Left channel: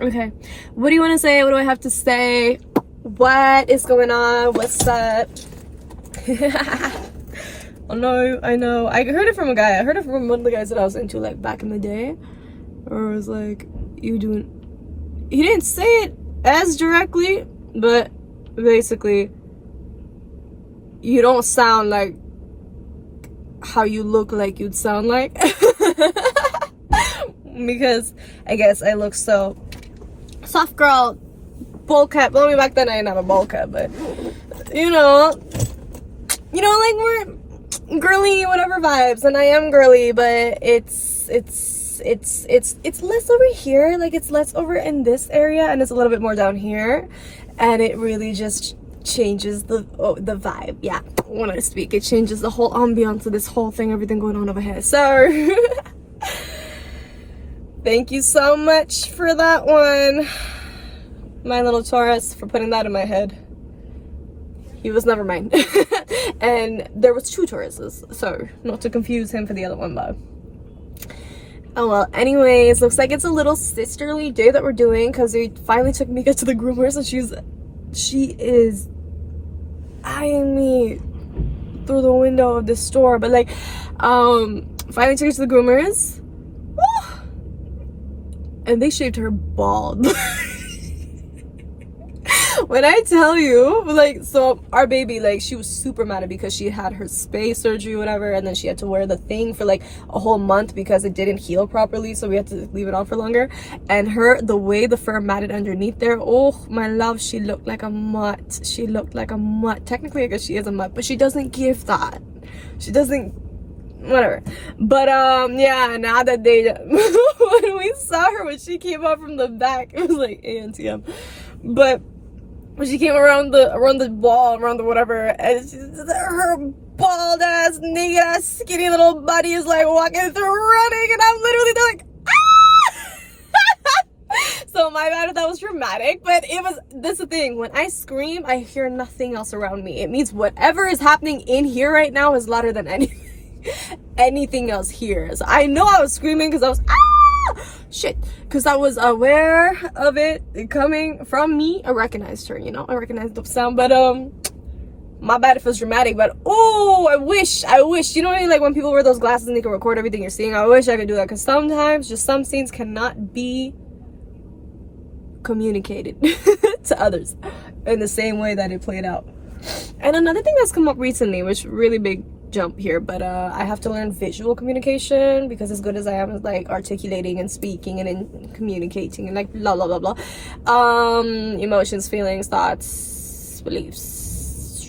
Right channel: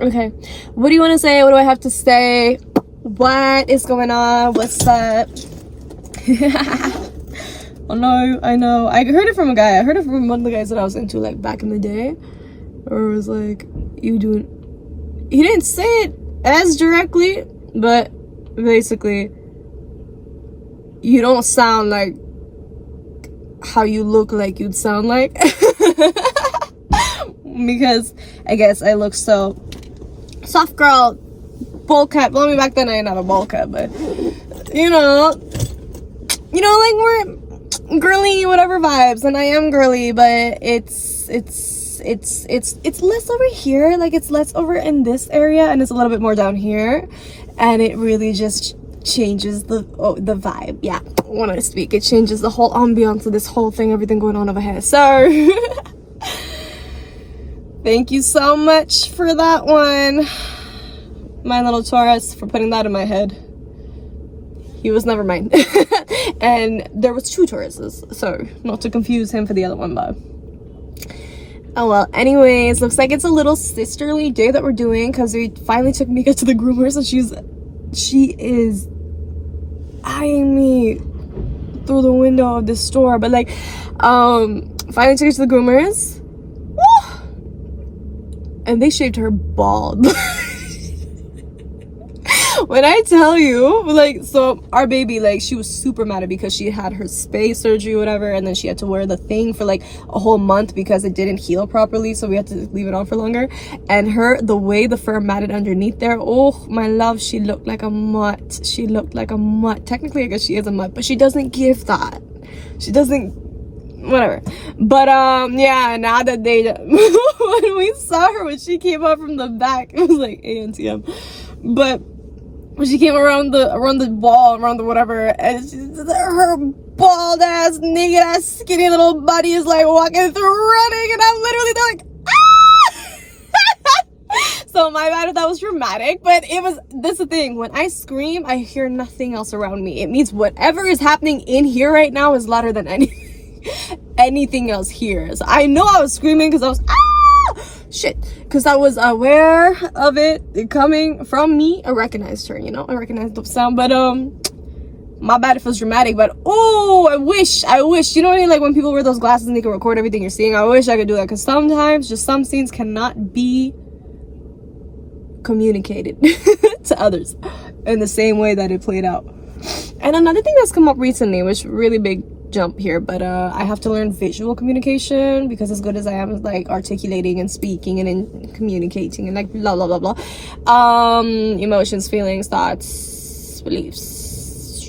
Okay, what do you want to say? What do I have to say? What is going on? What's up? Oh no, I know. I heard it from a guy. I heard it from one of the guys that I was into like back in the day. Or it was like, you doing... He didn't say it as directly, but basically, you don't sound like how you look like you'd sound like. Because I guess I look so soft girl, bowl cut. Well, I mean, back then I didn't have a bowl cut, but you know, like we're girly whatever vibes, and I am girly, but it's less over here. Like it's less over in this area, and it's a little bit more down here, and it really just changes the vibe. Yeah, when I speak, it changes the whole ambiance of this whole thing, everything going on over here. So thank you so much for that one, my little Taurus, for putting that in my head. He was never mine. And there was 2 Tauruses, so not to confuse him for the other one, but oh well. Anyways, looks like it's a little sisterly day that we're doing, because they finally took Mika to the groomers, and she is eyeing me through the window of the store, but like finally took her to the groomers. Woo! And they shaved her bald. When I tell you, like, so our baby, like, she was super mad at because she had her space surgery or whatever, and then she had to wear the thing for like a whole month because it didn't heal properly, so we had to leave it on for longer. And the way the fur matted underneath there, oh my love, she looked like a mutt. She looked like a mutt. Technically I guess she is a mutt, but she doesn't give that. She doesn't, whatever. But yeah, now that they when we saw her, when she came up from the back, it was like ANTM. But when she came around the wall, around the whatever, and her bald ass, naked ass, skinny little body is like walking through, running, and I'm literally like, ah! So my bad if that was dramatic, but that's the thing. When I scream, I hear nothing else around me. It means whatever is happening in here right now is louder than anything else here. So I know I was screaming because I was shit, because I was aware of it coming from me. I recognized her, I recognized the sound, but my bad if it was dramatic. But oh, I wish, you know what I mean, like when people wear those glasses and they can record everything you're seeing. I wish I could do that, because sometimes just some scenes cannot be communicated to others in the same way that it played out. And another thing that's come up recently, which really big jump here, but I have to learn visual communication, because as good as I am with like articulating and speaking and in communicating and like blah blah blah blah, emotions, feelings, thoughts, beliefs,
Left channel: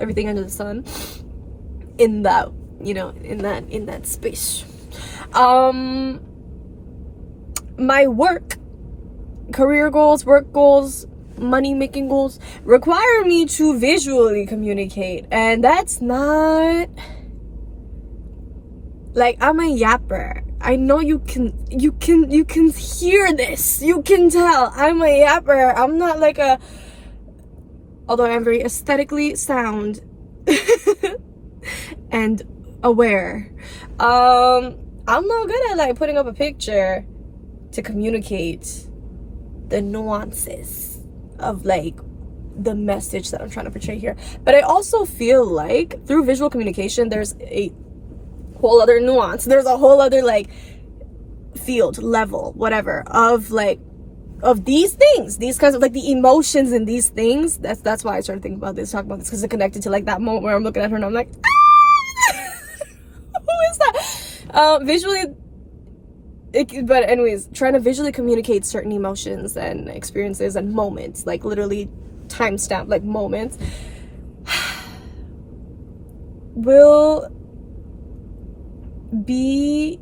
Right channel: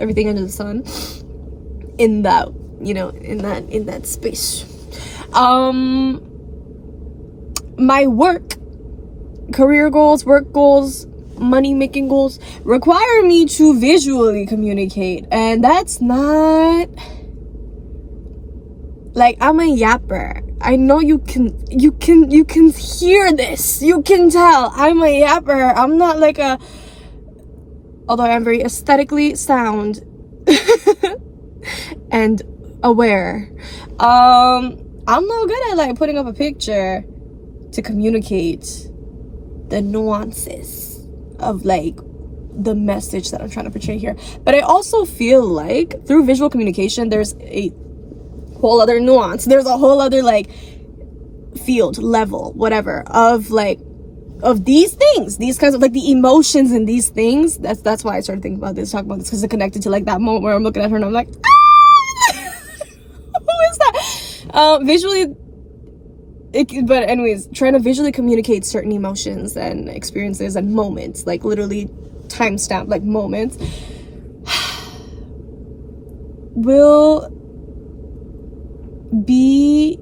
everything under the sun, in that, in that space, my career goals, work goals, money making goals require me to visually communicate, and that's not like, I'm a yapper. I know you can hear this, you can tell I'm a yapper. I'm not like although I'm very aesthetically sound and aware, I'm not good at like putting up a picture to communicate the nuances of like the message that I'm trying to portray here. But I also feel like through visual communication, there's a whole other nuance, there's a whole other like field, level, whatever, of these things, these kinds of like the emotions in these things. That's why I started thinking about this, talking about this, because it connected to like that moment where I'm looking at her and I'm like, ah! Who is that? Visually, but anyways, trying to visually communicate certain emotions and experiences and moments, like literally timestamp like moments, will be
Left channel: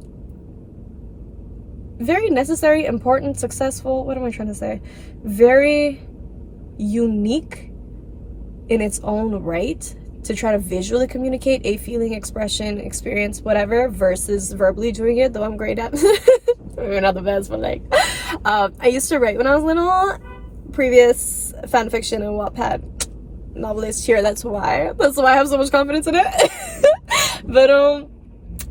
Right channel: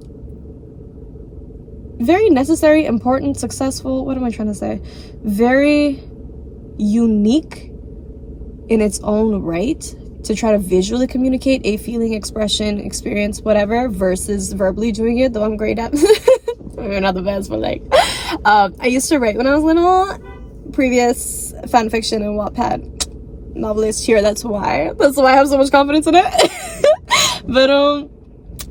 very necessary, important, successful, what am I trying to say, very unique in its own right, to try to visually communicate a feeling, expression, experience, whatever, versus verbally doing it, though I'm great at maybe not the best, but like I used to write when I was little, previous fan fiction and Wattpad novelist here. That's why I have so much confidence in it. But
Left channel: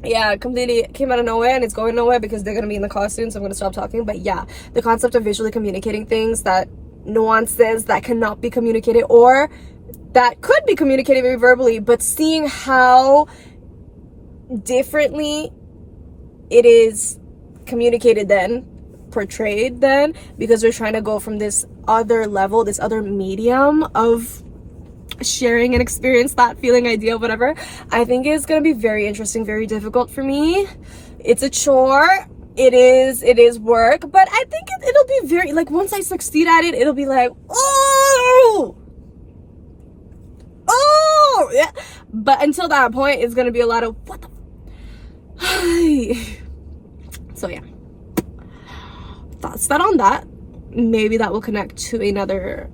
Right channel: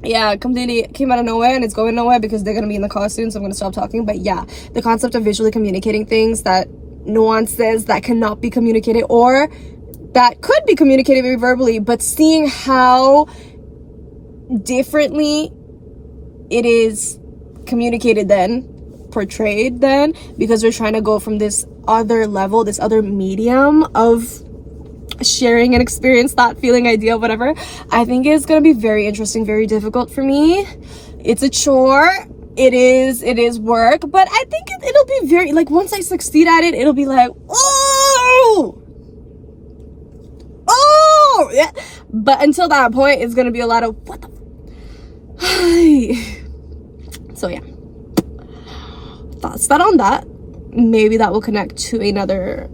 yeah, completely came out of nowhere, and it's going nowhere because they're gonna be in the car soon, so I'm gonna stop talking. But yeah, the concept of visually communicating things, that nuances that cannot be communicated, or that could be communicated very verbally, but seeing how differently it is communicated then, portrayed then, because we're trying to go from this other level, this other medium of sharing an experience, thought, feeling, idea, whatever. I think it's gonna be very interesting, very difficult for me. It's a chore. It is work, but I think it'll be very, like, once I succeed at it, it'll be like, oh yeah. But until that point, it's gonna be a lot of what the so yeah, thoughts that on that. Maybe that will connect to another,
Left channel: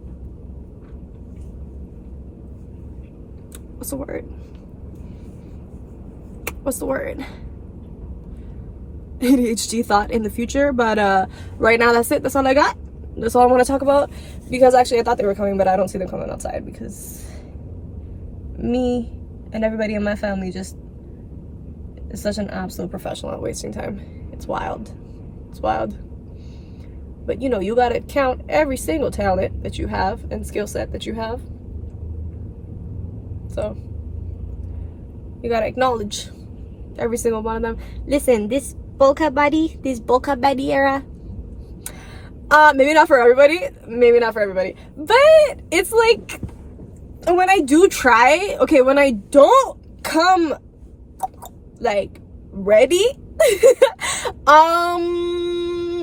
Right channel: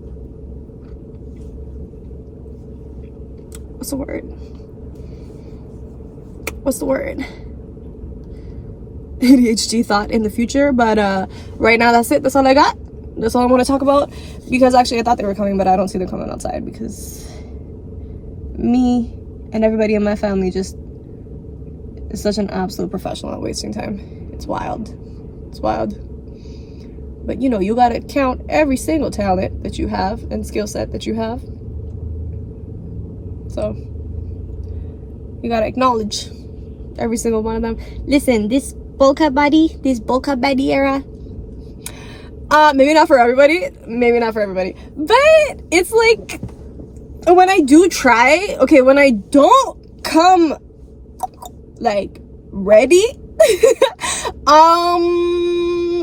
what's the word, ADHD thought in the future. But right now, that's it. That's all I got. That's all I want to talk about, because actually I thought they were coming, but I don't see them coming outside because me and everybody in my family just is such an absolute professional at wasting time. It's wild. But you know, you gotta count every single talent that you have and skill set that you have. So you gotta acknowledge every single one of them. Listen, this bowl cut body era, maybe not for everybody, but it's like, when I do try, okay, when I don't come like ready,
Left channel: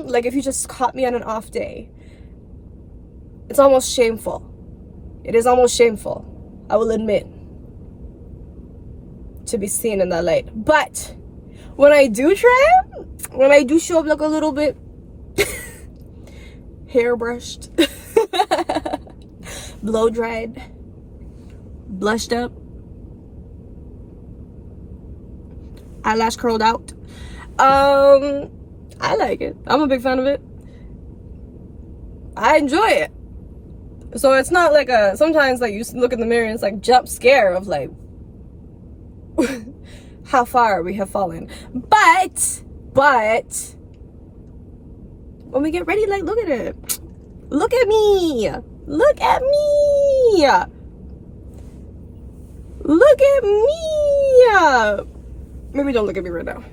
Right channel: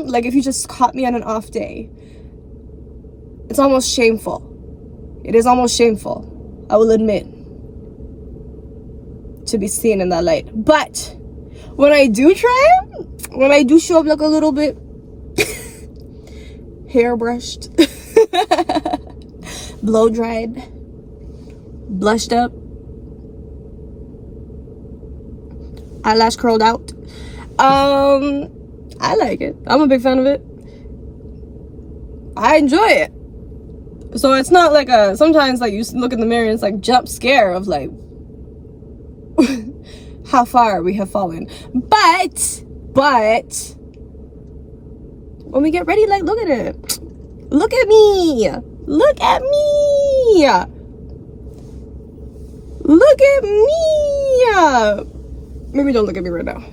like if you just caught me on an off day, it's almost shameful. It is almost shameful, I will admit, to be seen in that light. But when I do try, when I do show up like a little bit hairbrushed, blow dried, blushed up, eyelash curled out, I like it. I'm a big fan of it. I enjoy it. So it's not like sometimes like you look in the mirror and it's like jump scare of like how far we have fallen. But when we get ready, like, look at it. Look at me. Look at me. Look at me. Maybe don't look at me right now.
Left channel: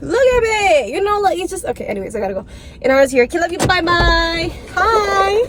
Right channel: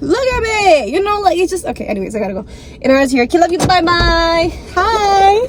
Look at me. You know, like, it's just okay. Anyways, I gotta go. In ours here. Love you. Bye bye. Hi.